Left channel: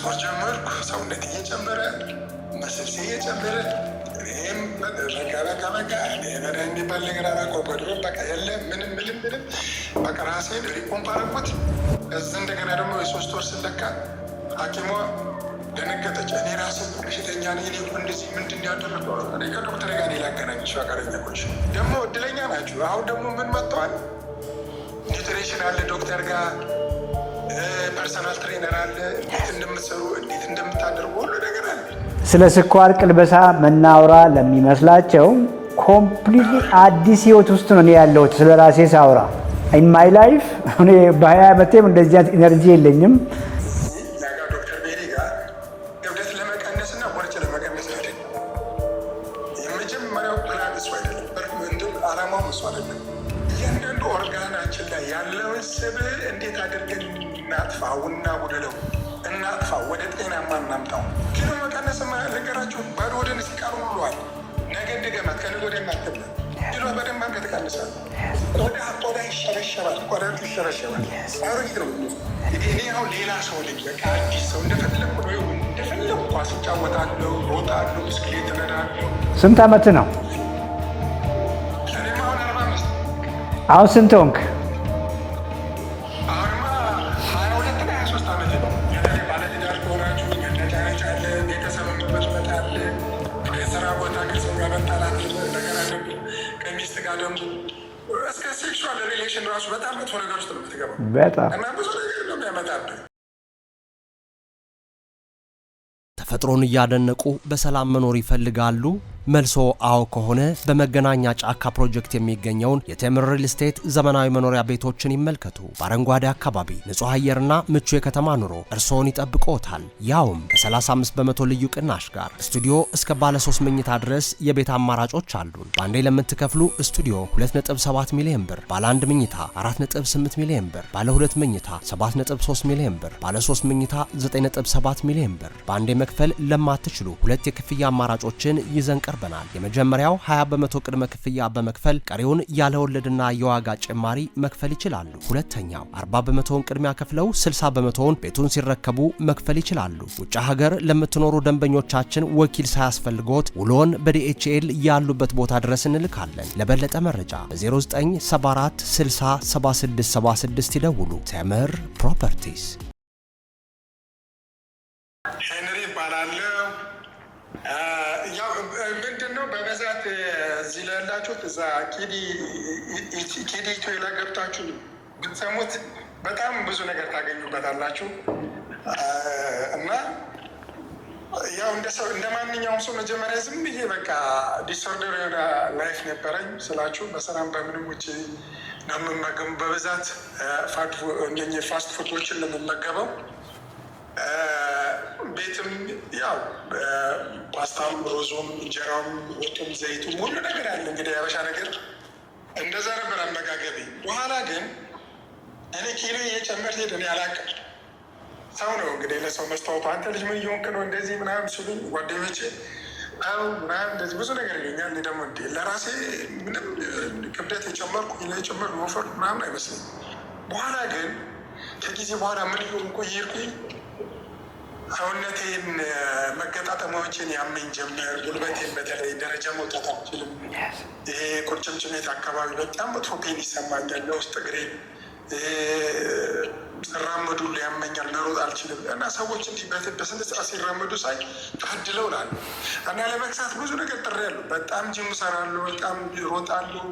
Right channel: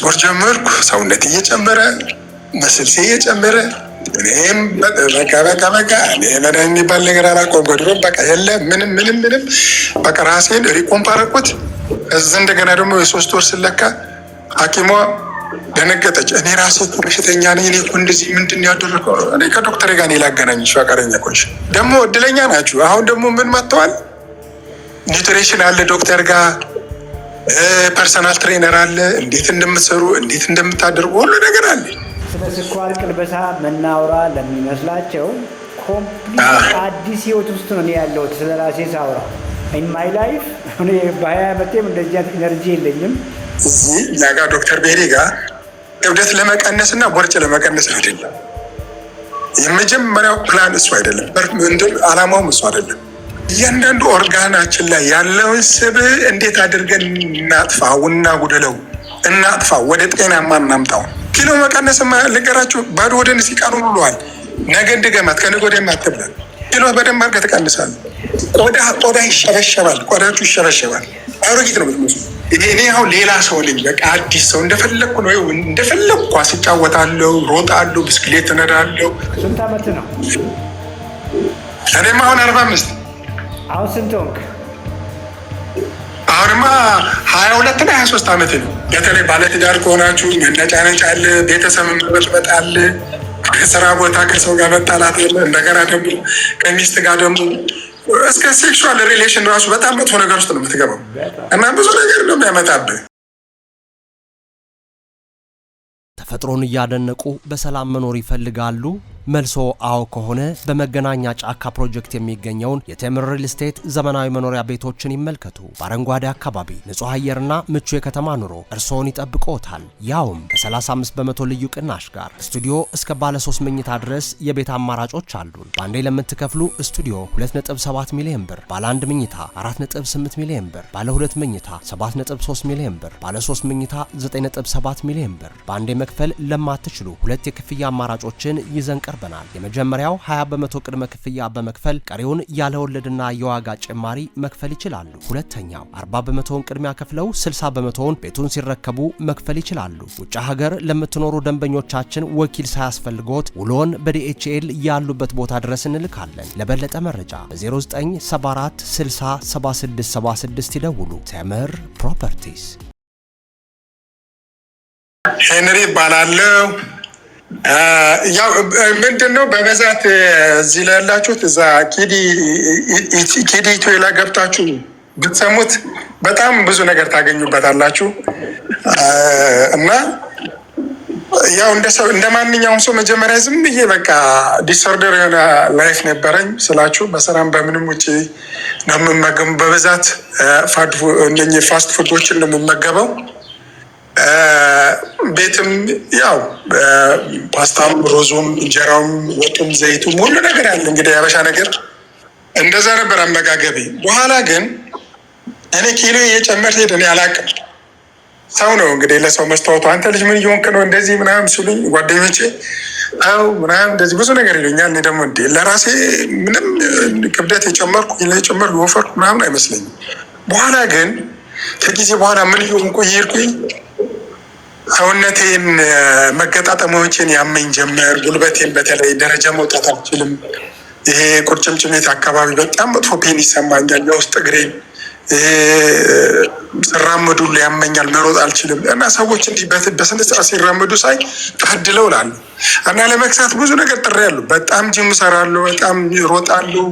ስፖርት ጀመርኩ። ሰውነት እየጨመረ መስልሴ እየጨመረ እኔም በቃ እኔ መድኃኒት የሚባል ነገር አላውቀውም። ጎድሮ በቃ የለ ምንም በቃ ራሴን ሪኮምፕ አደረኩት። እዛ እንደገና ደግሞ የ3 ወር ስለካ ሐኪሟ ደነገጠች። እኔ ራሴ እኮ በሽተኛ ነኝ። እኔ እኮ እንደዚህ ምንድን ያደረገው? እኔ ከዶክተር ጋር ላገናኝሽ ፈቃደኛ ኮንሽ። ደግሞ እድለኛ ናችሁ። አሁን ደግሞ ምን መጥተዋል? ኒውትሪሽን አለ ዶክተር ጋር ፐርሰናል ትሬነር አለ። እንዴት እንደምትሰሩ እንዴት እንደምታደርጉ ሁሉ ነገር አለ። ስለ ስኳር ቅልበሳ መናውራ ለሚመስላቸው ኮምፕሊት አዲስ ህይወት ውስጥ ነው ያለሁት። ስለ ራሴ ሳውራ ኢን ማይ ላይፍ እኔ በ20 ዓመቴም እንደዚህ አይነት ኢነርጂ የለኝም። እዚህ እኛ ጋር ዶክተር ቤሪ ጋር እብደት ለመቀነስ እና ቦርጭ ለመቀነስ አይደለም የመጀመሪያው ፕላን እሱ አይደለም። አላማውም እሱ አይደለም። እያንዳንዱ ኦርጋናችን ላይ ያለውን ስብ እንዴት አድርገን እናጥፋው እና ጉድለው እናጥፋው፣ ወደ ጤናማ እናምጣው። ኪሎ መቀነስማ ልንገራችሁ፣ ባዶ ወደን ሲቃኑ ብለዋል። ነገ እንድገማት ከነገ ወዲያ አትብላል። ኪሎ በደንብ አድርገህ ትቀንሳለህ። ቆዳ ይሸበሸባል፣ ቆዳችሁ ይሸበሸባል። አሮጊት ነው የምትመስሉ። እኔ አሁን ሌላ ሰው ነኝ፣ በቃ አዲስ ሰው። እንደፈለግኩ ነው፣ እንደፈለግኩ ኳስ እጫወታለሁ፣ ሮጣለሁ፣ ብስክሌት እነዳለሁ። ስንት ዓመት ነው? እኔማ አሁን 45። አሁን ስንት ሆንክ? አሁንማ 22 እና 23 ዓመት ነው። በተለይ ባለትዳር ከሆናችሁ መነጫነጭ አለ፣ ቤተሰብ መበጥበጥ አለ፣ ከስራ ቦታ ከሰው ጋር መጣላት አለ። እንደገና ደግሞ ከሚስት ጋር ደግሞ እስከ ሴክሹዋል ሪሌሽን ራሱ በጣም መጥፎ ነገር ውስጥ ነው የምትገባው እና ብዙ ነገር ነው የሚያመጣብህ። ተፈጥሮን እያደነቁ በሰላም መኖር ይፈልጋሉ? መልሶ አዎ ከሆነ በመገናኛ ጫካ ፕሮጀክት የሚገኘውን የቴምር ሪል ስቴት ዘመናዊ መኖሪያ ቤቶችን ይመልከቱ። በአረንጓዴ አካባቢ ንጹህ አየርና ምቹ የከተማ ኑሮ እርስዎን ይጠብቅዎታል። ያውም ከ35 በመቶ ልዩ ቅናሽ ጋር ስቱዲዮ እስከ ባለ 3 መኝታ ድረስ የቤት አማራጮች አሉን። በአንዴ ለምትከፍሉ ስቱዲዮ 2.7 ሚሊዮን ብር፣ ባለ 1 መኝታ 4.8 ሚሊዮን ብር፣ ባለ 2 መኝታ 7.3 ሚሊዮን ብር፣ ባለ 3 መኝታ 9.7 ሚሊዮን ብር። በአንዴ መክፈል ለማትችሉ ሁለት የክፍያ አማራጮችን ይዘን ቀርበናል። የመጀመሪያው 20 በመቶ ቅድመ ክፍያ በመክፈል ቀሪውን ያለ ወለድና የዋጋ ጭማሪ መክፈል ይችላሉ። ሁለተኛው 40 በመቶውን ቅድሚያ ከፍለው 60 በመቶውን ቤቱን ሲረከቡ መክፈል ይችላሉ። ውጭ ሀገር ለምትኖሩ ደንበኞቻችን ወኪል ሳያስፈልጎት ውሎን በዲኤችኤል ያሉበት ቦታ ድረስ እንልካለን። ለበለጠ መረጃ በ0974 60 7676 ይደውሉ። ቴምር ፕሮፐርቲስ። ሄንሪ ይባላለሁ። ያው ምንድነው በብዛት እዚህ ላይ ያላችሁት እዛ ኪዲ ኢትዮላ ገብታችሁ ብትሰሙት በጣም ብዙ ነገር ታገኙበታላችሁ። እና ያው እንደ ማንኛውም ሰው መጀመሪያ ዝም ብዬ በቃ ዲስኦርደር የሆነ ላይፍ ነበረኝ ስላችሁ፣ በስራም በምንም ውጭ ነው የምመገበው። በብዛት ፋስት ፉዶችን ነው የምመገበው። ቤትም ያው ፓስታም፣ ሮዙም፣ እንጀራውም፣ ወጡም፣ ዘይቱም ሁሉ ነገር አለ። እንግዲህ ያበሻ ነገር እንደዛ ነበር አመጋገቤ። በኋላ ግን እኔ ኪሎ እየጨመር ሄድ። እኔ አላቅም፣ ሰው ነው እንግዲህ ለሰው መስታወቱ አንተ ልጅ ምን እየሆንክ ነው እንደዚህ ምናምን ሲሉኝ ጓደኞቼ አው ምናምን እንደዚህ ብዙ ነገር ይሉኛል። እኔ ደግሞ እንዴ ለራሴ ምንም ክብደት የጨመርኩ የጨመርኩ ወፈርኩ ምናምን አይመስለኝም። በኋላ ግን ከጊዜ በኋላ ምን እየሆንኩ እየሄድኩኝ ሰውነቴን መገጣጠሚያዎችን ያመኝ ጀመር። ጉልበቴን በተለይ ደረጃ መውጣት አልችልም። ይሄ ቁርጭምጭሚት አካባቢ በጣም መጥፎ ፔን ይሰማኛል። የውስጥ እግሬን ሲራመዱ ያመኛል፣ መሮጥ አልችልም። እና ሰዎች እንዲህ በስነ ስርዓት ሲራመዱ ሳይ ታድለው እላለሁ። እና ለመክሳት ብዙ ነገር ጥሬያለሁ። በጣም ጂም እሰራለሁ፣ በጣም እሮጣለሁ።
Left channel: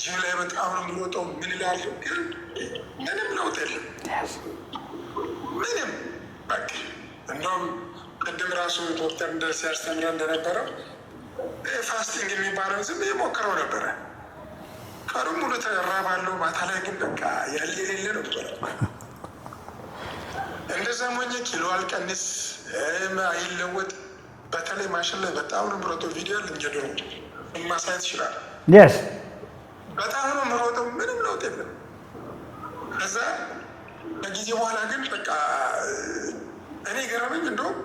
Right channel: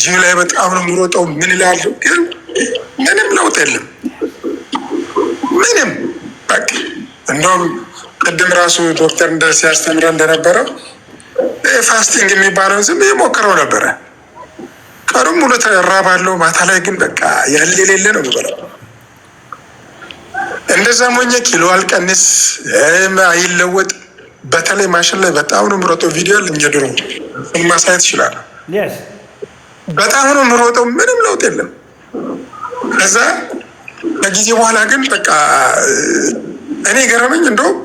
ጂም ላይ በጣም ነው የምሮጠው። ምን እላለሁ፣ ግን ምንም ለውጥ የለም። ምንም በቃ እንደውም ቅድም ራሱ ዶክተር ሲያስተምረ እንደነበረው ፋስቲንግ የሚባለውን ዝም ሞክረው ነበረ። ቀኑን ሙሉ ተራባለሁ፣ ማታ ላይ ግን በቃ ያለ የሌለ ነው የምበላው። እንደዛ ሞኘ ኪሎ አልቀንስ አይለወጥ። በተለይ ማሽን ላይ በጣም ነው የምሮጠው። ቪዲዮ አለኝ የድሮ ማሳየት ይችላል። በጣም ነው የምሮጠው፣ ምንም ለውጥ የለም። ከዛ ከጊዜ በኋላ ግን በቃ እኔ ገረመኝ። እንደውም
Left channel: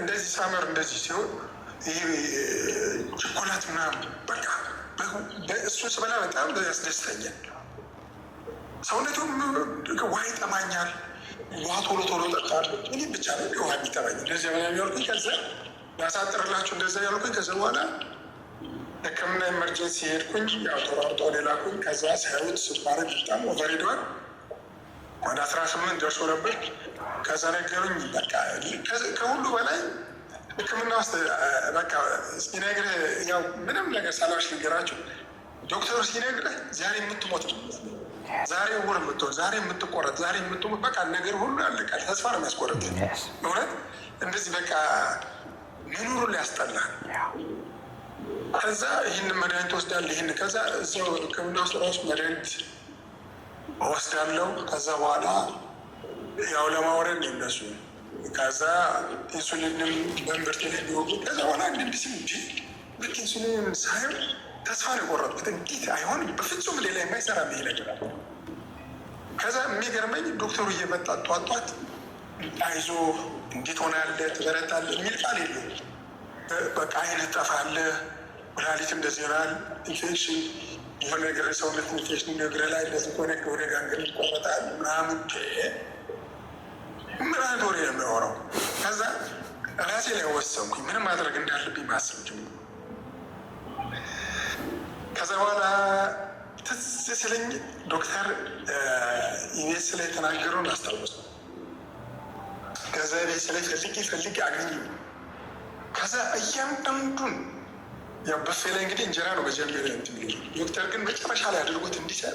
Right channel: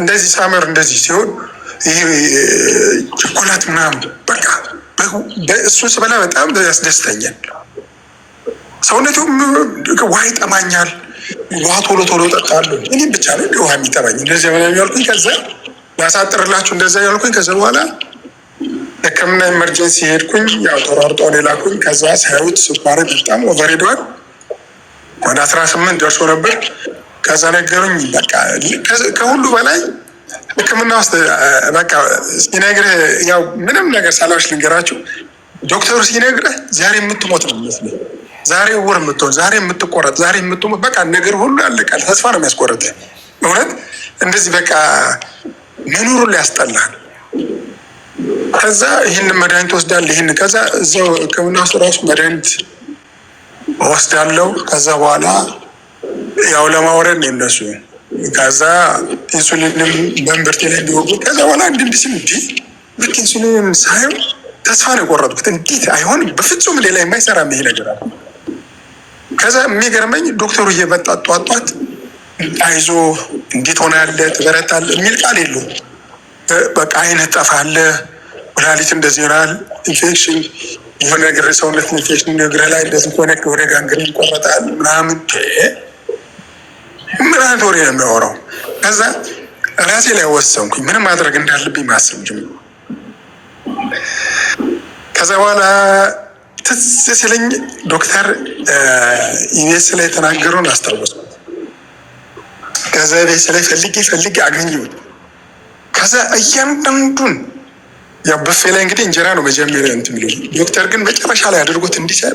እንደዚህ ሳመር እንደዚህ ሲሆን ይሄ ቸኮላት ምናምን በቃ እሱ ስበላ በጣም ያስደስተኛል። ሰውነቱም ውሃ ይጠማኛል። ውሃ ቶሎ ቶሎ እጠጣለሁ። እኔም ብቻ ነው ውሃ የሚጠባኝ እንደዚህ ምናምን ያልኩኝ። ከዛ ላሳጥርላችሁ እንደዛ ያልኩኝ። ከዛ በኋላ ሕክምና ኢመርጀንሲ ሄድኩኝ። ያው ተሯርጦ ላኩኝ። ከዛ ሳያዩት ስኳሬ በጣም ኦቨር ሄዷል። ወደ 18 ደርሶ ነበር። ከዛ ነገሩኝ። በቃ ከሁሉ በላይ ሕክምና ውስጥ በቃ ሲነግርህ ያው ምንም ነገር ሳላዎች ልንገራችሁ፣ ዶክተሩ ሲነግርህ ዛሬ የምትሞት ነው የሚመስለኝ፣ ዛሬ ውር የምትሆን፣ ዛሬ የምትቆረጥ፣ ዛሬ የምትሞት፣ በቃ ነገር ሁሉ ያለቃል። ተስፋ ነው የሚያስቆረጥ። እውነት እንደዚህ በቃ መኖሩን ሊያስጠላል። ከዛ ይህንን መድኃኒት ወስዳለሁ። ይህን ከዛ እዛው ሕክምና ውስጥ ራሱ መድኃኒት ወስዳለሁ። ከዛ በኋላ ያው ለማውረድ ነው እነሱ። ከዛ ኢንሱሊንም በእምብርቴ ላይ እንዲወጉ ከዛ በኋላ እንድንድስም ልክ ኢንሱሊንም ሳየው ተስፋ ነው የቆረጥኩት። እንዴት አይሆንም፣ በፍጹም ሌላ የማይሰራ ይሄ ነገር አለ። ከዛ የሚገርመኝ ዶክተሩ እየመጣ ጧጧት አይዞ እንዴት ሆነ ያለ ትበረታለ የሚል ቃል የለውም። በቃ አይነት ጠፋለ፣ ኩላሊት እንደዚህ ይሆናል፣ ኢንፌክሽን የሆነ ነገር ሰውነት ኢንፌክሽን እግርህ ላይ እንደዚህ ኮኔክት ወደ ጋንግሪን ይቆረጣል ምናምን ምናምን ወሬ ነው የሚያወራው። ከዛ ራሴ ላይ ወሰንኩኝ ምንም ማድረግ እንዳለብኝ ማሰብ ጀምሮ። ከዛ በኋላ ትዝ ሲለኝ ዶክተር ኢቢኤስ ላይ የተናገረውን አስታወስኩ። ከዛ ኢቢኤስ ላይ ፈልጌ አገኘሁት። ከዛ እያንዳንዱን ያው በፌ ላይ እንግዲህ እንጀራ ነው መጀመሪያ እንትን የሚለው ዶክተር ግን መጨረሻ ላይ አድርጎት እንዲሰር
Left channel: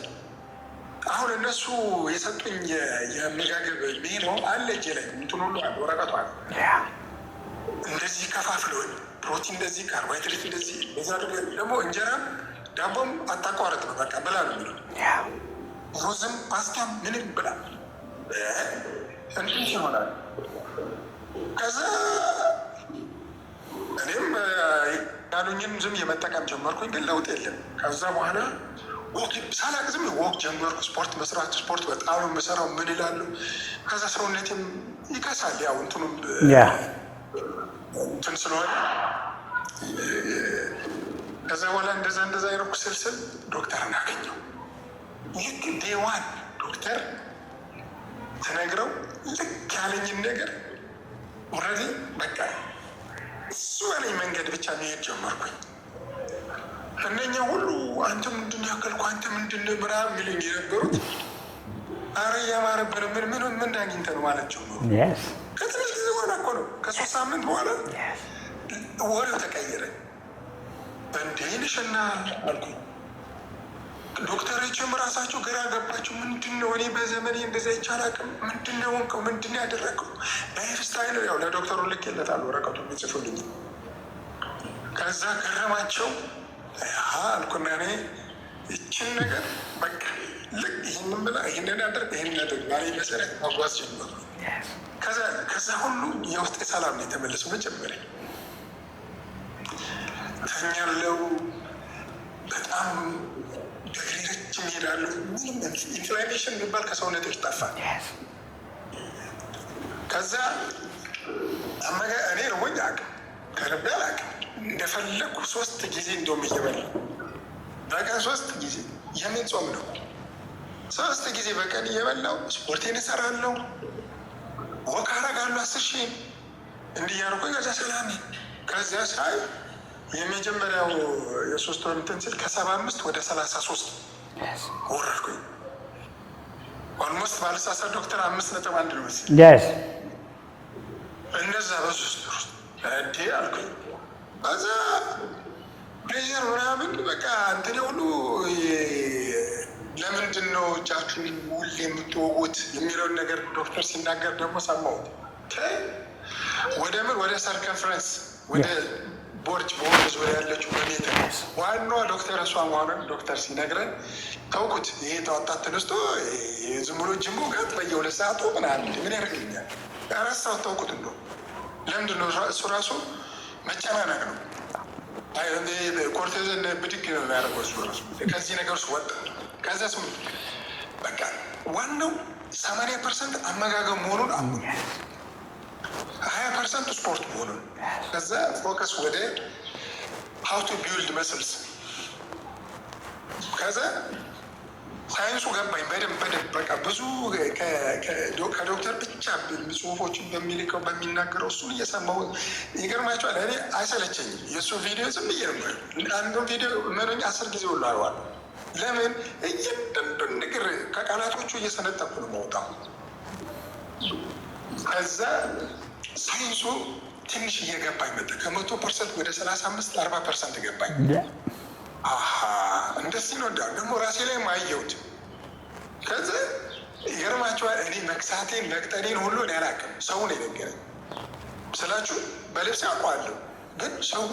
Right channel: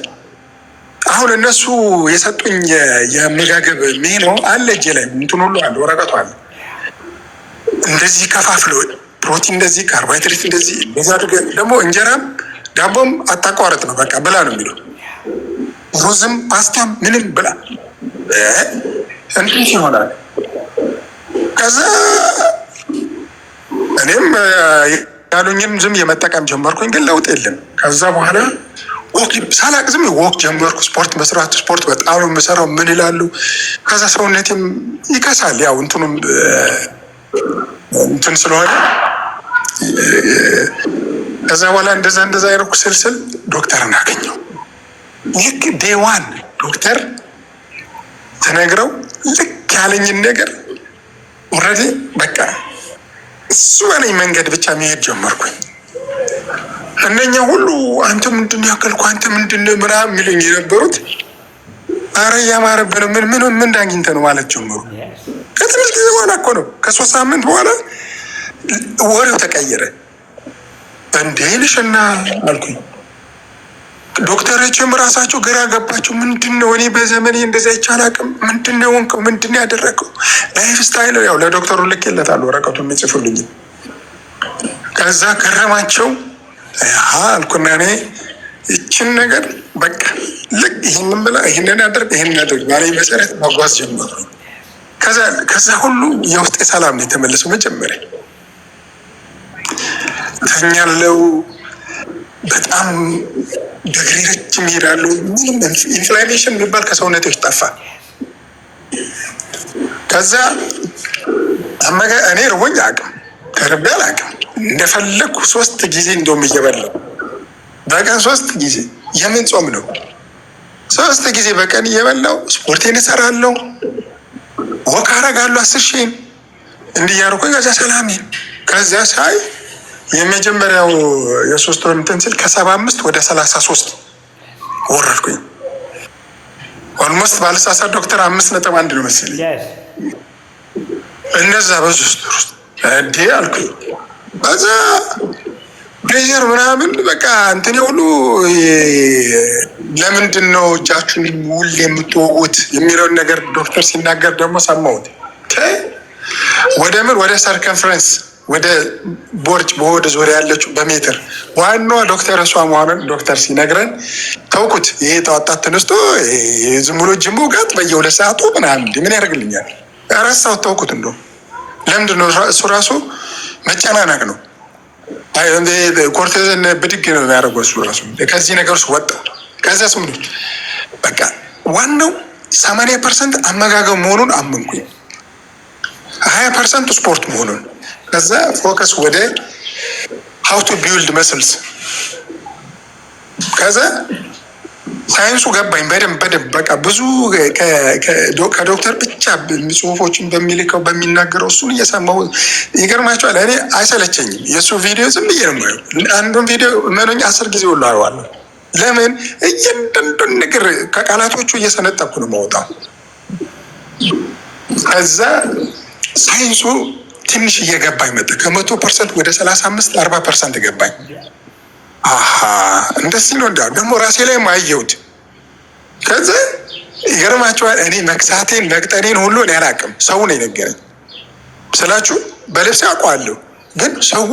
አሁን እነሱ የሰጡኝ የአመጋገብ ሜኑ አለ እጄ ላይ እንትን ሁሉ አለ፣ ወረቀቱ አለ። እንደዚህ ከፋፍለው ፕሮቲን እንደዚህ፣ ካርቦሃይድሬት እንደዚህ በዛ አድርገህ ደግሞ እንጀራም ዳቦም አታቋረጥ ነው በቃ ብላ ነው የሚለው። ሩዝም ፓስታም ምንም ብላ እንትን ይሆናል። ከዛ እኔም ያሉኝም ዝም የመጠቀም ጀመርኩኝ፣ ግን ለውጥ የለም። ከዛ በኋላ ሳላቅ ዝም ወክ ጀመርኩ። ስፖርት መስራት፣ ስፖርት በጣም ነው የምሰራው። ምን ይላሉ። ከዛ ሰውነቴም ይከሳል፣ ያው እንትኑም እንትን ስለሆነ። ከዛ በኋላ እንደዛ ያደረኩ ስልስል ዶክተርን አገኘው። ልክ ዴዋን ዶክተር ተነግረው ልክ ያለኝን ነገር ኦልሬዲ በቃ እሱ በለኝ መንገድ ብቻ መሄድ ጀመርኩኝ። እነኛ ሁሉ አንተ ምንድን ያከልኩ አንተ ምንድን ምናምን የሚሉኝ የነበሩት አረ እያማረብን ምን ዳግኝተ ነው ማለት ጀመሩ። ከትንሽ ጊዜ በኋላ እኮ ነው ከ3 ሳምንት በኋላ ወሬው ተቀየረ። እንዴ ልሽና አልኩኝ። ዶክተሮችም ራሳቸው ግራ ገባቸው። ምንድን ነው እኔ በዘመኔ እንደዛ ይቻል አቅም ምንድን ነው ሆንከው? ምንድን ነው ያደረገው? ላይፍ ስታይል ያው ለዶክተሩ ልኬለታል ወረቀቱ የሚጽፉልኝ። ከዛ ገረማቸው። አልኩና እኔ ይችን ነገር በቃ ልክ ይህንን ብላ ይህንን ያደርግ ባለኝ መሰረት መጓዝ ጀመሩ። ከዛ ሁሉ የውስጤ ሰላም ነው የተመለሰው። መጀመሪያ ተኛለው፣ በጣም በእግሬ ረጅም እሄዳለሁ። ምንም ኢንፍላሜሽን የሚባል ከሰውነቶች ጠፋ። ከዛ እኔ ርቦኝ አቅም ተርቤ አላቅም። እንደፈለግኩ 3 ጊዜ እንደውም እየበላሁ በቀን 3 ጊዜ የምን ጾም ነው? 3 ጊዜ በቀን እየበላሁ ስፖርቴን እሰራለሁ፣ ወክ አደርጋለሁ 10 ሺህ እንዲህ እያደረኩኝ ከዛ ሰላሜን ከዛ ሳይ የመጀመሪያው የ3 ወር እንትን ስል ከ75 ወደ 33 ወረድኩኝ። ኦልሞስት ባልሳሳት ዶክተር 5.1 ነው መሰለኝ እነዛ በሶስት ወር ውስጥ እንዴ አልኩኝ። በዛ ፕሬዠር ምናምን በቃ እንትን ሁሉ ለምንድን ነው እጃችሁን ውል የምትወጉት የሚለውን ነገር ዶክተር ሲናገር ደግሞ ሰማሁት። ወደ ሰርከንፍረንስ ወደ ቦርጭ በሆድ ዙሪያ ያለችው በሜትር ዋናዋ ዶክተር እሷ መሆኑን ዶክተር ሲነግረን ተውኩት። ይሄ ጠዋጣት ተነስቶ ዝም ብሎ ጅም ውጋት በየ2 ሰዓቱ ምናምን ምን ያደርግልኛል? ረሳሁት፣ ተውኩት። እንደውም ለምንድን ነው እሱ ራሱ መጨናነቅ ነው። ኮርቴዝን ብድግ ነው የሚያደርገው እሱ ራሱ። ከዚህ ነገር ውስጥ ወጣ። ከዛ ስም በቃ ዋናው 80% አመጋገብ መሆኑን አመንኩኝ፣ 20% ስፖርት መሆኑን። ከዛ ፎከስ ወደ ሀው ቱ ቢውልድ መስልስ። ከዛ ሳይንሱ ገባኝ በደንብ በቃ ብዙ ከዶክተር ብቻ ጽሁፎችን በሚልከው በሚናገረው እሱን እየሰማሁ ይገርማቸዋል። እኔ አይሰለቸኝም የእሱ ቪዲዮ ዝም ብዬ ነው የማየው። አንዱን ቪዲዮ መኖኝ 10 ጊዜ ሁሉ አየዋለሁ። ለምን እያንዳንዱን ነገር ከቃላቶቹ እየሰነጠኩ ነው የማወጣው። ከዛ ሳይንሱ ትንሽ እየገባኝ መጣ። ከ100% ወደ 35-40% ገባኝ። እንደዚህ ነው እንዲያው ደግሞ ራሴ ላይ ማየሁት። ከዛ ይገርማቸዋል። እኔ መክሳቴን መቅጠኔን ሁሉ እኔ አላውቅም፣ ሰው ነው የነገረኝ ስላችሁ በልብስ አውቀዋለሁ። ግን ሰው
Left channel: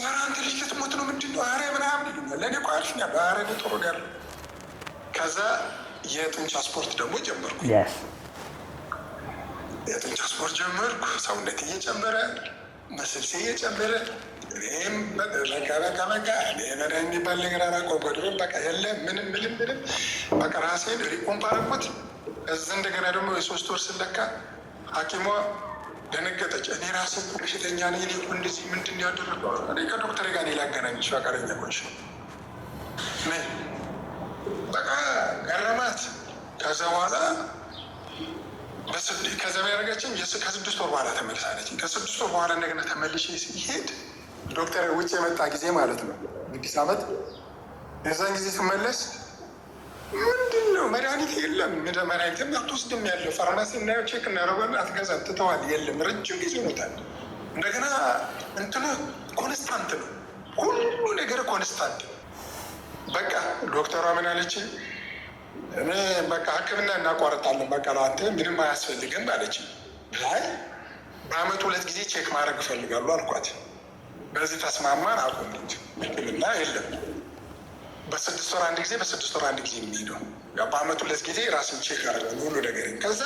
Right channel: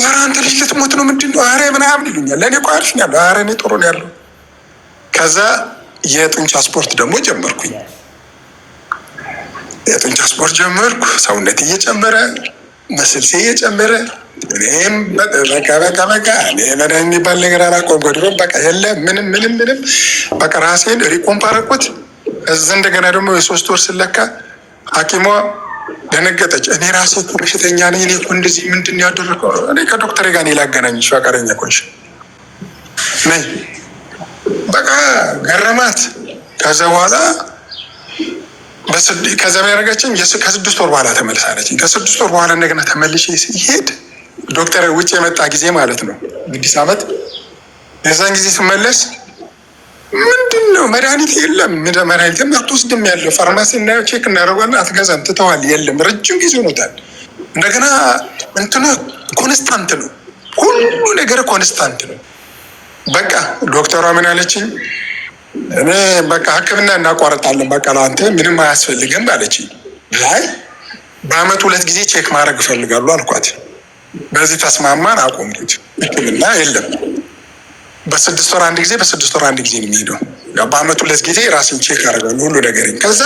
ኧረ አንተ ልጅ ልትሞት ነው ምንድን ነው ኧረ ምናምን ይሉኛል። ለእኔ እኮ አሪፍ ነው ያለው፣ ኧረ እኔ ጥሩ ነው ያለው። ከዛ የጡንቻ ስፖርት ደግሞ ጀመርኩኝ። የጡንቻ ስፖርት ጀመርኩ። ሰውነት እየጨመረ መስልሴ እየጨመረ እኔም በቃ እኔ መድኃኒት የሚባል ነገር አላውቀውም። ድሮም በቃ የለም ምንም በቃ ራሴን ሪኮምፕ አደረኩት። እዛ እንደገና ደግሞ የ3 ወር ስለካ ሐኪሟ ደነገጠች። እኔ ራሴ እኮ በሽተኛ ነኝ፣ እኔ እኮ እንደዚህ ምንድን ነው ያደረገው? እኔ ከዶክተር ጋር እኔ ላገናኝሽ ፈቃደኛ ኮንሽ ነኝ። በቃ ገረማት። ከዛ በኋላ ከዛ ያደረገችኝ ከ6 ወር በኋላ ተመልሳለች። ከ6 ወር በኋላ እንደገና ተመልሼ ሲሄድ ዶክተር ውጭ የመጣ ጊዜ ማለት ነው 6 ዓመት። የዛን ጊዜ ስመለስ ምንድን ነው መድኃኒት የለም፣ መድኃኒትም አትወስድም ያለው ፋርማሲ እናየው ቼክ እናደርጓለን፣ አትገዛም ትተዋል፣ የለም ረጅም ጊዜ ሆኖታል። እንደገና እንትኑ ኮንስታንት ነው፣ ሁሉ ነገር ኮንስታንት ነው። በቃ ዶክተሯ ምን አለችኝ? እኔ በቃ ሕክምና እናቋረጣለን፣ በቃ ለአንተ ምንም አያስፈልግም አለችኝ። ላይ በአመት 2 ጊዜ ቼክ ማድረግ እፈልጋሉ አልኳት። በዚህ ተስማማን፣ አቆምኩት። ሕክምና የለም በ6 ወር 1 ጊዜ በ6 ወር 1 ጊዜ ነው የሚሄደው። በአመት 2 ጊዜ ራሴን ቼክ አደርጋለሁ ሁሉ ነገር። ከዛ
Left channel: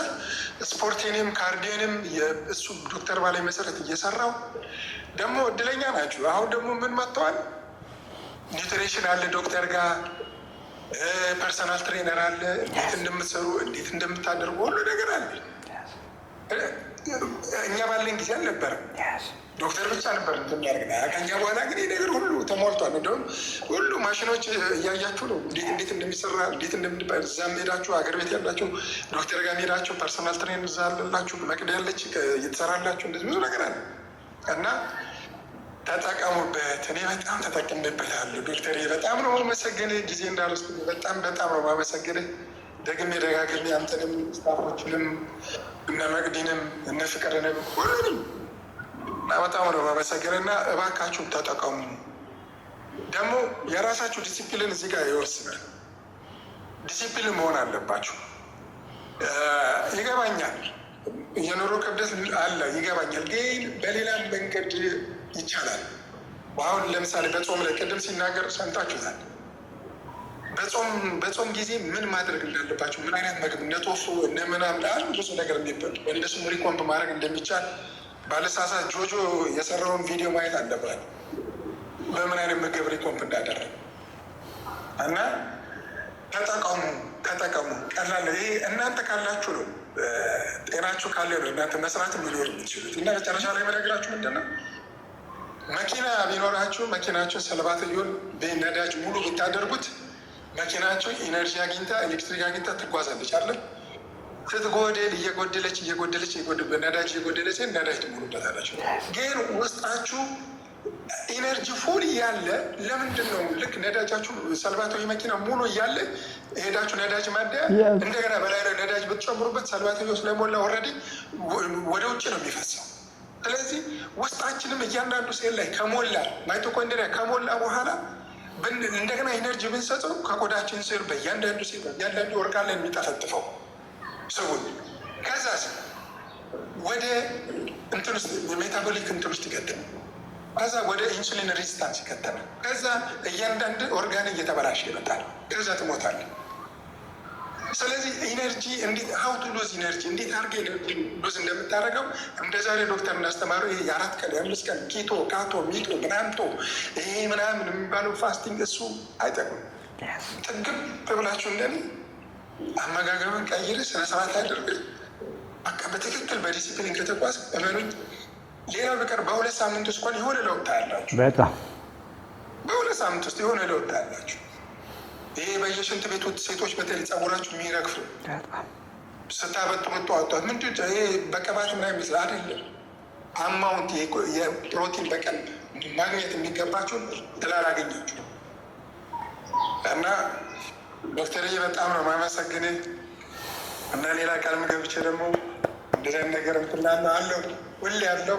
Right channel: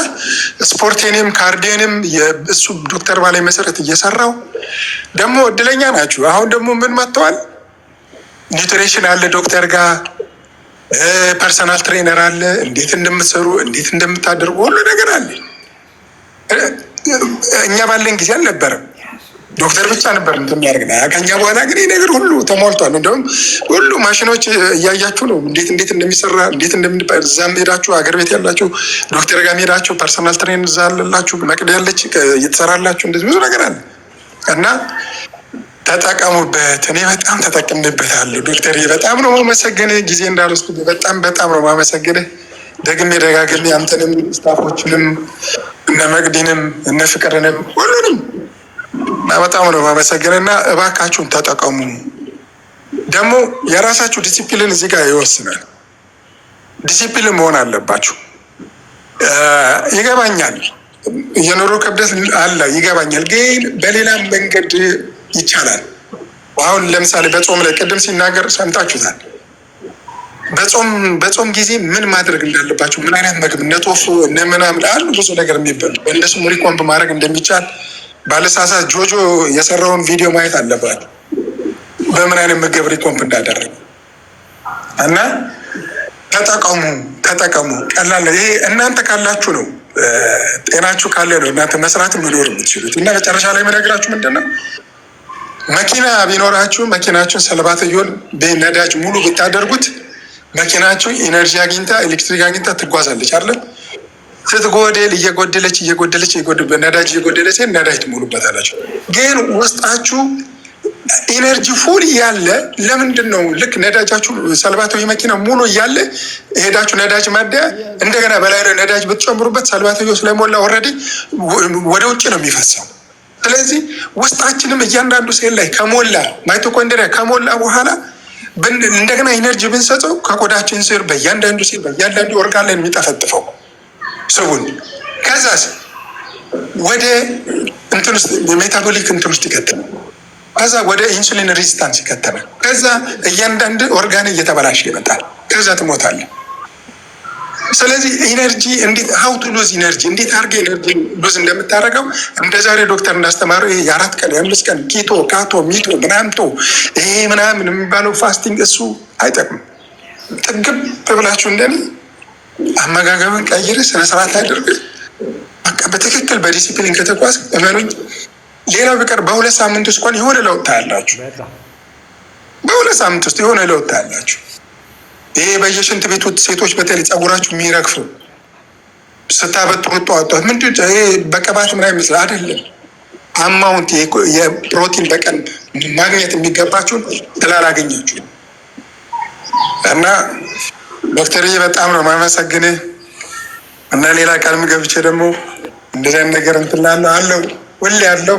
ስፖርቴንም ካርዲዮንም እሱ ዶክተር ባላይ መሰረት እየሰራው ደግሞ እድለኛ ናችሁ። አሁን ደግሞ ምን መጥተዋል? ኒውትሪሽን አለ ዶክተር ጋር ፐርሰናል ትሬነር አለ። እንዴት እንደምትሰሩ እንዴት እንደምታደርጉ ሁሉ ነገር አለ። እኛ ባለን ጊዜ አልነበረም፣ ዶክተር ብቻ ነበር እንደሚያደርግ። ከኛ በኋላ ግን ነገር ሁሉ ተሟልቷል። እንደውም ሁሉ ማሽኖች እያያችሁ ነው እንዴት እንደሚሰራ እንዴት እንደምንባል። እዛም ሄዳችሁ አገር ቤት ያላችሁ ዶክተር ጋር ሄዳችሁ ፐርሰናል ትሬነር እዛ አለላችሁ፣ መቅድ ያለች እየተሰራላችሁ፣ እንደዚህ ብዙ ነገር አለ እና ተጠቀሙበት። እኔ በጣም ተጠቅምበታለሁ ዶክተር፣ በጣም ነው ማመሰግንህ። ጊዜ እንዳልወስድ በጣም ነው ማመሰግንህ። ደግሜ ደጋግሜ አንተንም ስታፎችንም እነ መቅዲንም እነ ፍቅርንም ሁሉንም በጣም ነው ማመሰግንህ እና እባካችሁን ተጠቀሙ። ደግሞ የራሳችሁ ዲሲፕሊን እዚህ ጋር ይወስናል። ዲሲፕሊን መሆን አለባችሁ። ይገባኛል፣ የኑሮ ክብደት አለ ይገባኛል፣ ግን በሌላ መንገድ ይቻላል። አሁን ለምሳሌ በጾም ላይ ቅድም ሲናገር ሰምታችሁታል። በጾም ጊዜ ምን ማድረግ እንዳለባቸው፣ ምን አይነት ምግብ እነ ቶፉ እነ ምናምን አሉ ብዙ ነገር የሚበሉ እንደሱ ሪኮምፕ ማድረግ እንደሚቻል ባለሳሳት ጆጆ የሰራውን ቪዲዮ ማየት አለባቸው፣ በምን አይነት ምግብ ሪኮምፕ እንዳደረግ እና ተጠቀሙ። ቀላል ይሄ እናንተ ካላችሁ ነው፣ ጤናችሁ ካለ ነው እናንተ መስራት መኖር የምትችሉት። እና መጨረሻ ላይ መነግራችሁ ምንድን ነው፣ መኪና ቢኖራችሁ መኪናችሁን ሰልባትዮን በነዳጅ ሙሉ ብታደርጉት መኪናችሁ ኢነርጂ አግኝታ ኤሌክትሪክ አግኝታ ትጓዛለች አይደለም። ስትጎደል እየጎደለች ነዳጅ እየጎደለች ነዳጅ ትሞሉበታላችሁ። ግን ውስጣችሁ ኢነርጂ ፉል እያለ ለምንድን ነው ልክ ነዳጃችሁ ሰልባታዊ መኪና ሙሉ እያለ ሄዳችሁ ነዳጅ ማደያ እንደገና በላይ ነዳጅ ብትጨምሩበት ሰልባታዊ ስለሞላ ኦልሬዲ ወደ ውጭ ነው የሚፈሰው። ስለዚህ ውስጣችንም እያንዳንዱ ሴል ላይ ከሞላ ማይቶኮንድሪያ ከሞላ በኋላ እንደገና ኢነርጂ ብንሰጠው ከቆዳችን ስር በእያንዳንዱ ሴል በእያንዳንዱ ኦርጋን ላይ የሚጠፈጥፈው ስቡን ከዛስ ወደ እንትን ውስጥ ሜታቦሊክ እንትን ውስጥ ይከተላል። ከዛ ወደ ኢንሱሊን ሬዚስታንስ ይከተላል። ከዛ እያንዳንዱ ኦርጋን እየተበላሸ ይመጣል። ከዛ ትሞታለህ። ስለዚህ ኢነርጂ እንዴት ሀው ቱ ሉዝ ኢነርጂ እንዴት አድርገህ ኢነርጂ ሉዝ እንደምታደርገው እንደ ዛሬ ዶክተር እንዳስተማረው የ4 ቀን የ5 ቀን ኪቶ ካቶ ሚቶ ምናምቶ ይሄ ምናምን የሚባለው ፋስቲንግ እሱ አይጠቅም። ጥግብ ብላችሁ እንደኔ አመጋገብን ቀይር፣ ስነስርዓት አድርግ። በቃ በትክክል በዲሲፕሊን ከተጓዝ እመኑኝ፣ ሌላው ቢቀር በ2 ሳምንት ውስጥ እንኳን የሆነ ለውጥ ታያላችሁ። በ2 ሳምንት ውስጥ የሆነ ለውጥ ታያላችሁ። ይሄ በየሽንት ቤቱ ሴቶች በተለይ ጸጉራችሁ የሚረግፉ ስታበጥሩት ጠዋት ምንድን ይሄ በቅባት ምናምን ይመስላል አይደለም። አማውንት የፕሮቲን በቀን ማግኘት የሚገባችሁን ስላላገኛችሁ እና ዶክተርዬ በጣም ነው የማመሰግንህ። እና ሌላ ቃልም ገብቼ ደግሞ እንደዚህ አይነት ነገር እንትላለሁ አለው ሁሌ ያለው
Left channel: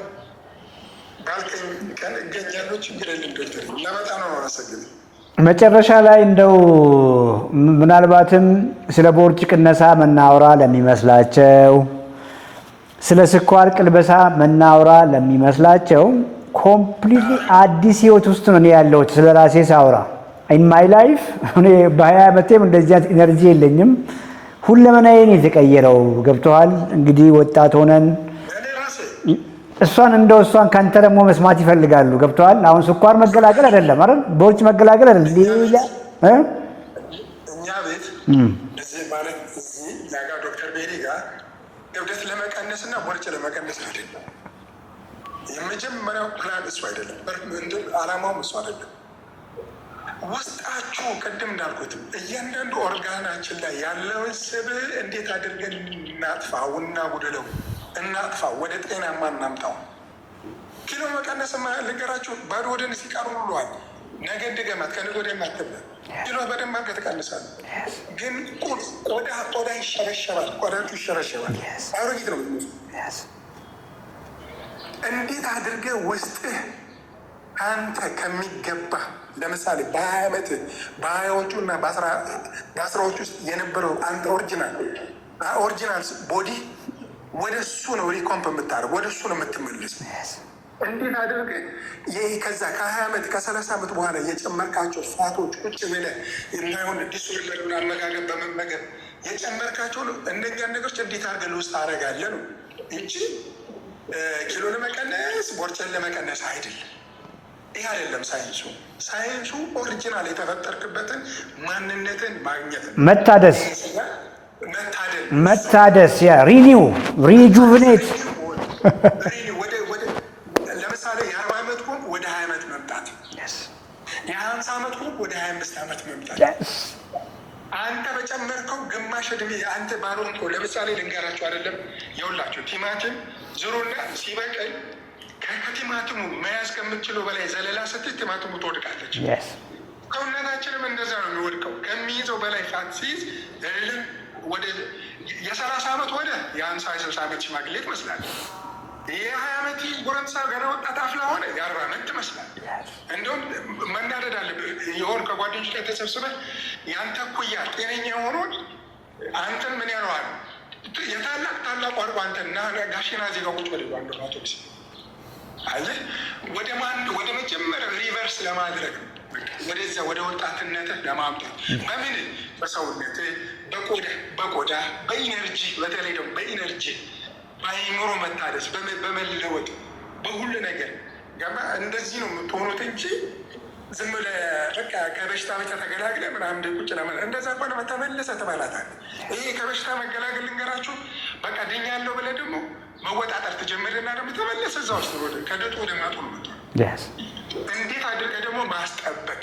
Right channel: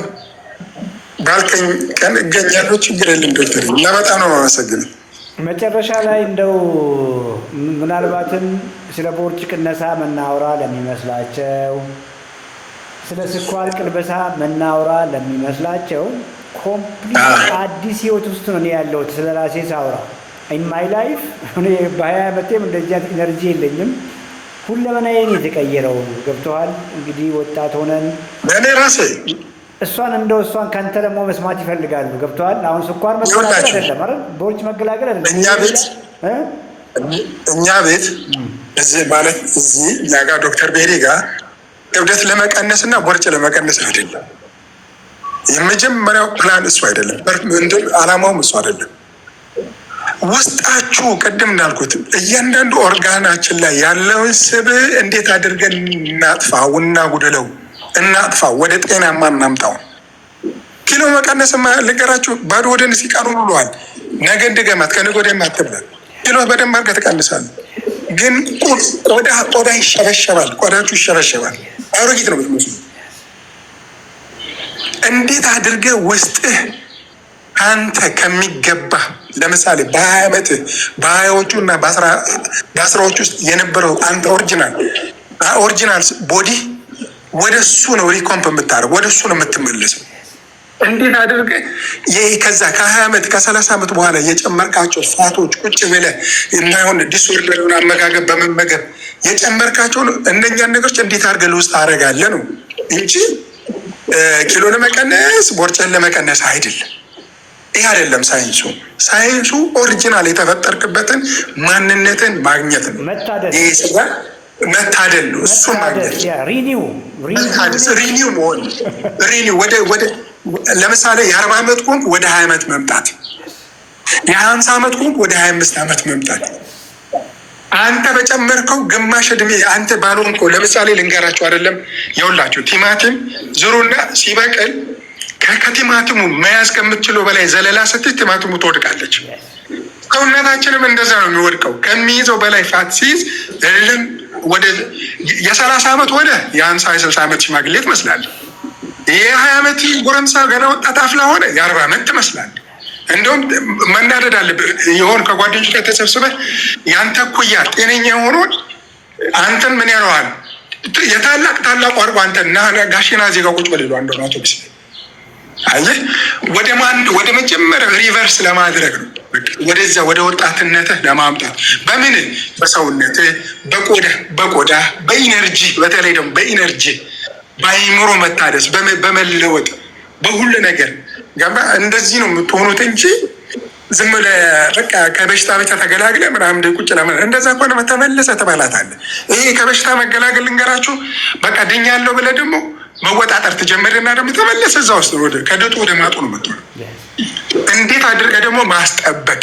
ባልከኝ ቀን እገኛለሁ። ችግር የለም ዶክተር እና በጣም ነው የማመሰግንህ። መጨረሻ ላይ እንደው ምናልባትም ስለ ቦርጭ ቅነሳ መናወራ ለሚመስላቸው፣ ስለ ስኳር ቅልበሳ መናወራ ለሚመስላቸው ኮምፕሊት አዲስ ህይወት ውስጥ ነው እኔ ያለሁት። ስለ ራሴ ሳውራ ኢን ማይ ላይፍ እኔ በ20 ዓመቴም እንደዚህ አይነት ኢነርጂ የለኝም። ሁለመናዬን የተቀየረው ገብቶሃል። እንግዲህ ወጣት ሆነን እኔ ራሴ እሷን ካንተ ደግሞ መስማት ይፈልጋሉ። ገብቶሃል። አሁን ስኳር መገላገል አይደለም አይደል? ቦርጭ መገላገል አይደለም። እኛ ቤት እዚህ ማለት እዚህ እኛ ጋር ዶክተር ቤሪ ጋር ክብደት ለመቀነስ እና ቦርጭ ለመቀነስ አይደለም። የመጀመሪያው ፕላን እሱ አይደለም። አላማውም እሱ አይደለም። ውስጣችሁ ቅድም እንዳልኩት እያንዳንዱ ኦርጋናችን ላይ ያለውን ስብ እንዴት አድርገን እናጥፋው፣ እናጉድለው፣ እናጥፋው፣ ወደ ጤናማ እናምጣው። ኪሎ መቀነስ ልንገራችሁ፣ ባዶ ወደን ሲቀሩ ብለዋል። ነገ እንድገማት ከነገ ወዲያ አትብላል። ኪሎ በደንብ አድርገህ ትቀንሳለህ። ግን ቆዳ ይሸበሸባል፣ ቆዳችሁ ይሸበሸባል። አሮጊት ነው የምትመስሉ። እንዴት አድርገህ ውስጥህ አንተ ከሚገባ ለምሳሌ በ20 ዓመት በ20ዎቹ እና በ10ዎቹ ውስጥ የነበረው አንተ ኦሪጂናል ቦዲ ወደ እሱ ነው ሪኮምፕ የምታደርግ፣ ወደ እሱ ነው የምትመለሰው። እንዴት አድርገህ ከዛ ከ20 ዓመት ከ30 ዓመት በኋላ የጨመርካቸው ፋቶች ቁጭ ብለህ እንዳይሆን ዲስኦርደር አመጋገብ በመመገብ የጨመርካቸው እነኛን ነገሮች እንዴት አድርገህ ለውስጥ አደርጋለህ ነው እንጂ ኪሎ ለመቀነስ ቦርጭን ለመቀነስ አይደለም። ይህ አይደለም ሳይንሱ። ሳይንሱ ኦሪጂናል የተፈጠርክበትን ማንነትን ማግኘት ነው። መታደስ ሪኒው መሆን ወደ ለምሳሌ የ40 ዓመት ኮንክ ወደ 20 ዓመት መምጣት፣ የ50 ዓመት ኮንክ ወደ 25 ዓመት መምጣት። አንተ በጨመርከው ግማሽ እድሜ አንተ ባልሆንከው ለምሳሌ ልንገራችሁ አይደለም የውላችሁ ቲማቲም ዝሩና ሲበቅል ከቲማቲሙ መያዝ ከምትችለው በላይ ዘለላ ስትይ ቲማቲሙ ትወድቃለች። ሰውነታችንም እንደዛ ነው የሚወድቀው። ከሚይዘው በላይ ፋት ሲይዝ እልም ወደ የ30 ዓመት ወደ የ50-60 ዓመት ሽማግሌ ትመስላለህ። የ20 ዓመት ጎረምሳ ገና ወጣት አፍላ ሆነ የ40 ዓመት ትመስላለህ። እንደውም መናደድ አለብህ። የሆን ከጓደኞች ጋር ተሰብስበህ ያንተ እኩያ ጤነኛ የሆነውን አንተን ምን ያለዋል ታላቁ አርጎ አንተና ጋሽና ዜጋ ቁጭ በሌሉ አንዱ አውቶቡስ አየህ፣ ወደ መጀመሪያ ሪቨርስ ለማድረግ ነው። ወደዛ ወደ ወጣትነትህ ለማምጣት በምን በሰውነትህ፣ በቆዳ በኢነርጂ፣ በተለይ ደግሞ በኢነርጂ በአይምሮ መታደስ በመለወጥ በሁሉ ነገር ገባ። እንደዚህ ነው የምትሆኑት እንጂ ዝም ብለህ በቃ ከበሽታ ብቻ ተገላግለህ ምናምን ቁጭ ለምን እንደዛ ከሆነ ተመለሰ ትበላታለህ። ይሄ ከበሽታ መገላገል ልንገራችሁ፣ በቃ ድኛለሁ ብለህ ደግሞ መወጣጠር ትጀምርና ደግሞ ተመለሰ እዛ ውስጥ ከድጡ ወደ ማጡ ነው የምትሆነው። እንዴት አድርገህ ደግሞ ማስጠበቅ፣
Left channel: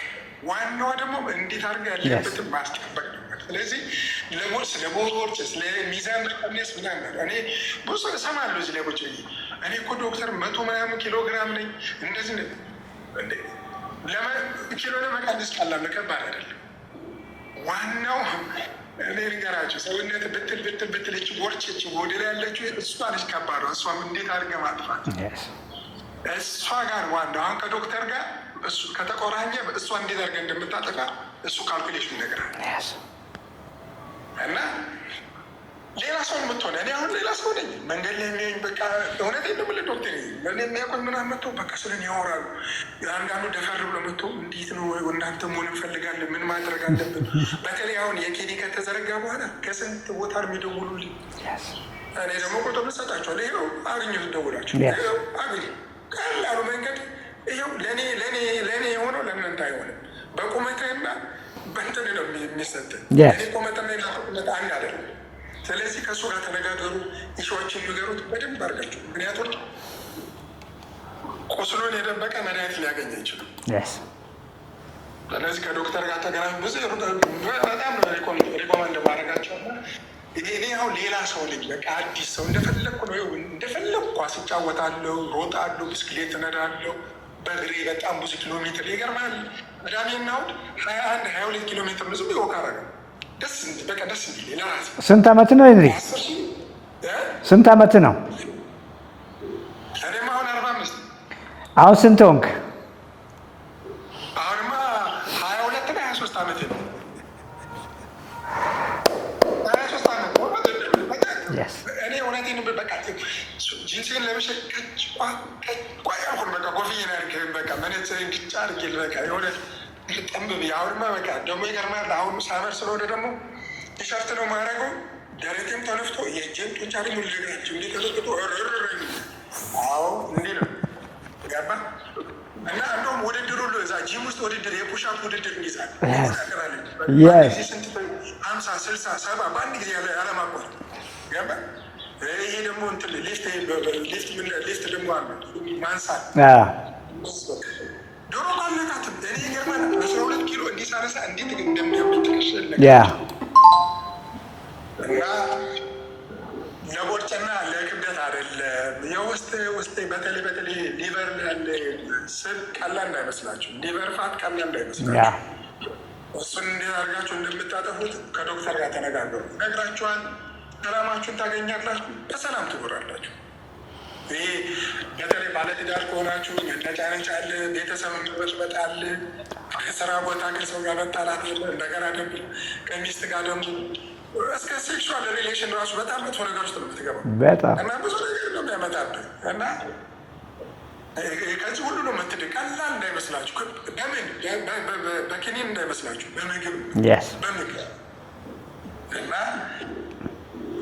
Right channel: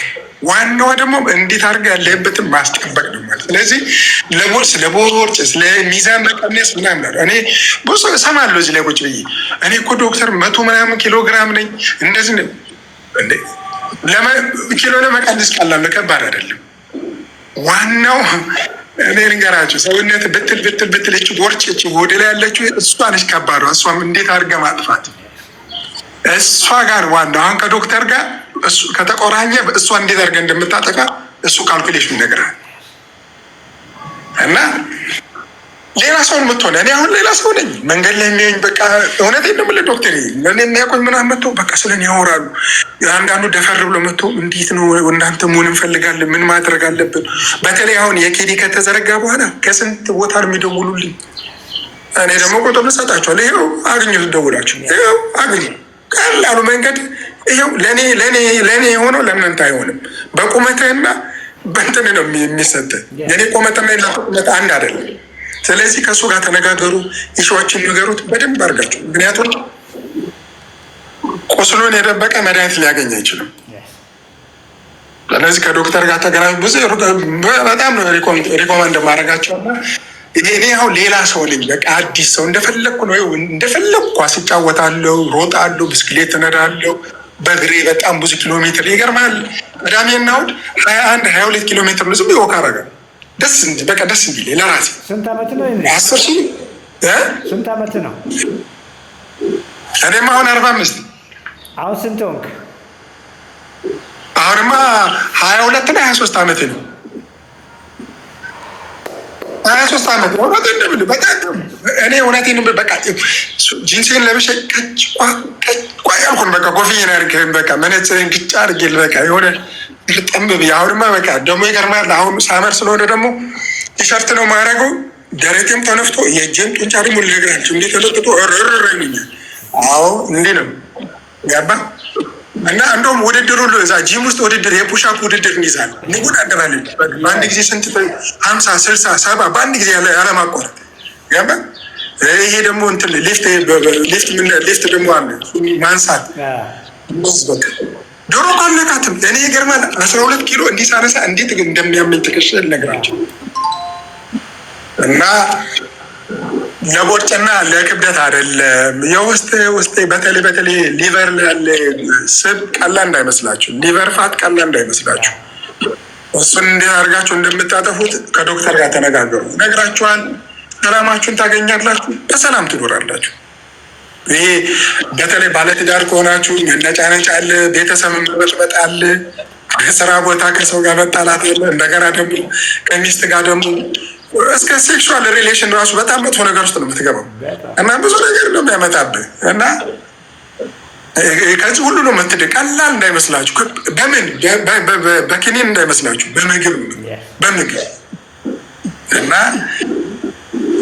ዋናዋ ደግሞ እንዴት አድርገህ ያለህበትን ማስጠበቅ ነው ማለት። ስለዚህ ለቦርጭ ለሚዛን መቀነስ ምናምን እኔ ብዙ እሰማለሁ እዚህ ላይ ቁጭ ብዬ እኔ እኮ ዶክተር 100 ምናምን ኪሎ ግራም ነኝ እንደዚህ እንዴ። ኪሎ ለመቀነስ ቀላል ከባድ አይደለም። ዋናው እኔ ልንገራችሁ ሰውነት ብትል እች ቦርጭ እች ወደ ላይ ያለችው እሷ ነች ከባዷ። እሷም እንዴት አድርገህ ማጥፋት እሷ ጋር ዋናው አሁን ከዶክተር ጋር እሱ ከተቆራኘ እሷ እንዴት አድርገህ እንደምታጠቃ እሱ ካልኩሌሽን ይነግራል። እና ሌላ ሰው የምትሆነ እኔ አሁን ሌላ ሰው ነኝ። መንገድ ላይ የሚያዩኝ በቃ እውነቴን ነው የምልህ ዶክተር እኔ የሚያውቁኝ ምናምን መጥተው በቃ ስለኔ ያወራሉ። አንዳንዱ ደፈር ብሎ መጥቶ እንዴት ነው እናንተ መሆን እንፈልጋለን፣ ምን ማድረግ አለብን። በተለይ አሁን የኬዲ ከተዘረጋ በኋላ ከስንት ቦታ ነው የሚደውሉልኝ። እኔ ደግሞ ቁጥር ልሰጣቸዋለሁ። ይኸው አግኙት፣ ደውላችሁ ይኸው አግኙ። ቀላሉ መንገድ ይኸው ለእኔ የሆነው ለእናንተ አይሆንም። በቁመትህና በእንትን ነው የሚሰጥህ። እኔ ቁመትና ቁመት አንድ አይደለም። ስለዚህ ከእሱ ጋር ተነጋገሩ፣ ኢሹዎችን ንገሩት በደንብ አድርጋችሁ። ምክንያቱም ቁስሉን የደበቀ መድኃኒት ሊያገኝ አይችልም። ስለዚህ ከዶክተር ጋር ተገናኙ። ብዙ በጣም ነው ሪኮመንድ ማድረጋቸው። እኔ አሁን ሌላ ሰው ነኝ፣ በቃ አዲስ ሰው እንደፈለግኩ ነው። እንደፈለግኩ ኳስ እጫወታለሁ፣ ሮጣለሁ፣ ብስክሌት እነዳለሁ በእግሬ በጣም ብዙ ኪሎ ሜትር። ይገርማል። ቅዳሜና እሑድ 21-22 ኪሎ ሜትር ነው ዝም ብዬ ወክ አደርጋለሁ። ደስ እንዲል ለራሴ። ስንት ዓመት ነው? 10 ሺህ ስንት ዓመት ነው? እኔማ አሁን 45። አሁን ስንት ሆንክ? አሁንማ 22 እና 23 ዓመቴ ነው። 23 ዓመት ነው። በጣም እኔ እውነቴን በቃ ጂንሴን ለብሼ ቀጭቋ ያልኩን በቃ ኮፍዬን አድርጌ በቃ መነጽሬን ግጫ አድርጌ በቃ የሆነ ጠንብ ብዬ አሁንማ በቃ ደግሞ ይገርማል። አሁን ሳመር ስለሆነ ደግሞ ቲሸርት ነው ማድረገው። ደረቴም ተነፍቶ የእጄም ጡንቻ ደግሞ ልነግራቸው እንዴት ተለጥጦ ይሉኛል። አዎ እንዲህ ነው ገባ። እና እንደውም ውድድር ሁሉ እዛ ጂም ውስጥ ውድድር የፑሻፕ ውድድር እንይዛለን፣ እንወዳደራለን። በአንድ ጊዜ ስንት 50፣ 60፣ 70 በአንድ ጊዜ ያለማቋረጥ ገባ። ይሄ ደግሞ እንትን ሊፍት ደግሞ አለ ማንሳት። ዶሮ ካለቃትም እኔ ይገርማል 12 ኪሎ እንዲህ ሳነሳ እንዴት እንደሚያመኝ ትከሻ ነገራቸው። እና ለቦርጭና ለክብደት አይደለም። የውስጥ በተለይ ሊቨር ያለ ስብ ቀላል እንዳይመስላችሁ፣ ሊቨር ፋት ቀላል እንዳይመስላችሁ። እሱን እንዴት አድርጋችሁ እንደምታጠፉት ከዶክተር ጋር ተነጋገሩ። ነግራችኋል። ሰላማችሁን ታገኛላችሁ፣ በሰላም ትኖራላችሁ። ይሄ በተለይ ባለትዳር ከሆናችሁ መነጫነጭ አለ፣ ቤተሰብ መበጥበጥ አለ፣ ከስራ ቦታ ከሰው ጋር መጣላት አለ። እንደገና ደግሞ ከሚስት ጋር ደግሞ እስከ ሴክሹዋል ሪሌሽን ራሱ በጣም መጥፎ ነገር ውስጥ ነው የምትገባው እና ብዙ ነገር ነው የሚያመጣብህ። እና ከዚህ ሁሉ ነው የምትድን። ቀላል እንዳይመስላችሁ፣ በምን በኪኒን እንዳይመስላችሁ፣ በምግብ እና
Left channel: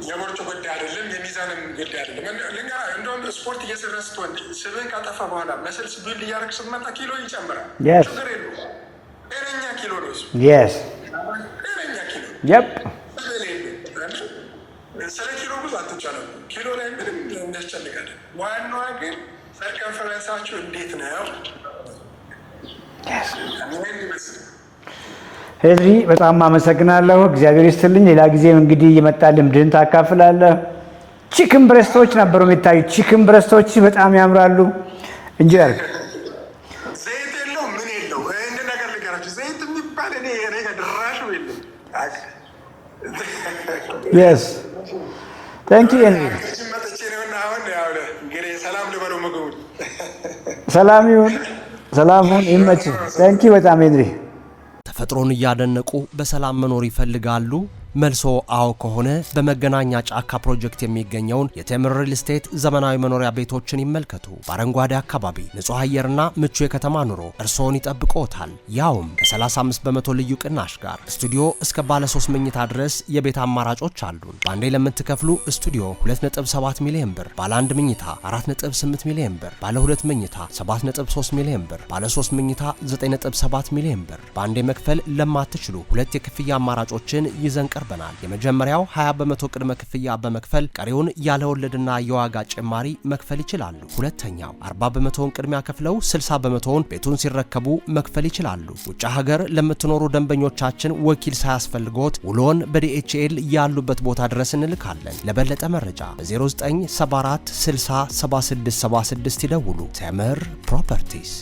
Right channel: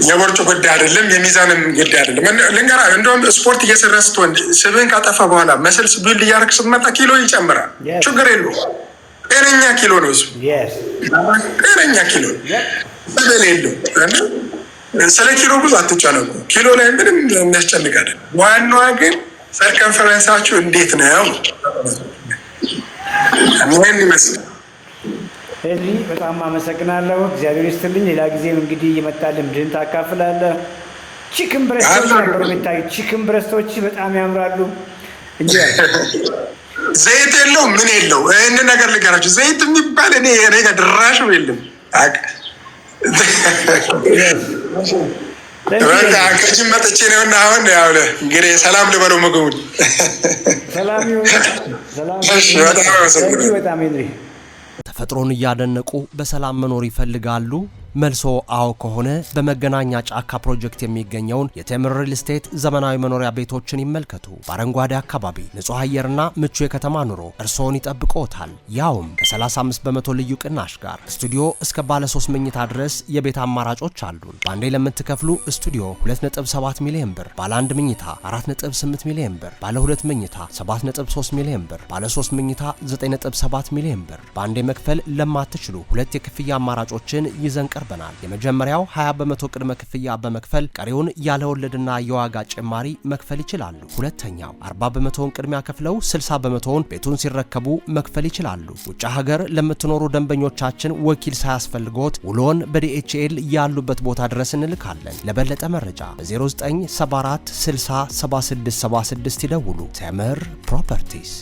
የቦርጭ ጉዳይ አይደለም፣ የሚዛንም ጉዳይ አይደለም። ልንገራ እንደውም ስፖርት እየሰራ ስትሆን ስብህን ካጠፋ በኋላ መስልስ ቢልድ እያደረግህ ስትመጣ ኪሎ ይጨምራል። ችግር የለውም። ጤነኛ ኪሎ ነው እሱ። ጤነኛ ኪሎ በደል የለው። ስለ ኪሎ ብዙ አትጨነቁ። ኪሎ ላይ ምንም የሚያስጨንቅ አይደለም። ዋናዋ ግን ሰርከንፈረንሳችሁ እንዴት ነው? ምን ይመስላል? ሄድሪ በጣም አመሰግናለሁ። እግዚአብሔር ይስጥልኝ። ሌላ ጊዜም እንግዲህ እየመጣ ልምድህን ታካፍላለህ። ቺክን ብረስቶች ነበሩ የሚታዩት። ቺክን ብረስቶች በጣም ያምራሉ እንጂ ዘይት የለው ምን የለው። ይህን ነገር ልገራችሁ፣ ዘይት የሚባል እኔ ጋር ድራሽ የለም። ከጅም መጥቼ ነውና አሁን እንግዲህ ሰላም ልበለው ምግቡን። ሰላም በጣም ሄድሪ። ተፈጥሮን እያደነቁ በሰላም መኖር ይፈልጋሉ? መልሶ አዎ ከሆነ በመገናኛ ጫካ ፕሮጀክት የሚገኘውን የቴምር ሪል ስቴት ዘመናዊ መኖሪያ ቤቶችን ይመልከቱ። በአረንጓዴ አካባቢ ንጹህ አየርና ምቹ የከተማ ኑሮ እርስዎን ይጠብቅዎታል። ያውም በ35 በመቶ ልዩ ቅናሽ ጋር ስቱዲዮ እስከ ባለ 3 መኝታ ድረስ የቤት አማራጮች አሉን። በአንዴ ለምትከፍሉ ስቱዲዮ 2.7 ሚሊዮን ብር፣ ባለ 1 መኝታ 4.8 ሚሊዮን ብር፣ ባለ 2 መኝታ 7.3 ሚሊዮን ብር፣ ባለ 3 መኝታ 9.7 ሚሊዮን ብር። በአንዴ መክፈል ለማትችሉ ሁለት የክፍያ አማራጮችን ይዘን ቀርበናል። የመጀመሪያው 20 በመቶ ቅድመ ክፍያ በመክፈል ቀሪውን ያለ ወለድና የዋጋ ጭማሪ መክፈል ይችላሉ። ሁለተኛው 40 በመቶውን ቅድሚያ ከፍለው 60 በመቶውን ቤቱን ሲረከቡ መክፈል ይችላሉ። ውጭ ሀገር ለምትኖሩ ደንበኞቻችን ወኪል ሳያስፈልጎት ውሎን በዲኤችኤል ያሉበት ቦታ ድረስ እንልካለን። ለበለጠ መረጃ በ0974 60 7676 ይደውሉ። ቴምር ፕሮፐርቲስ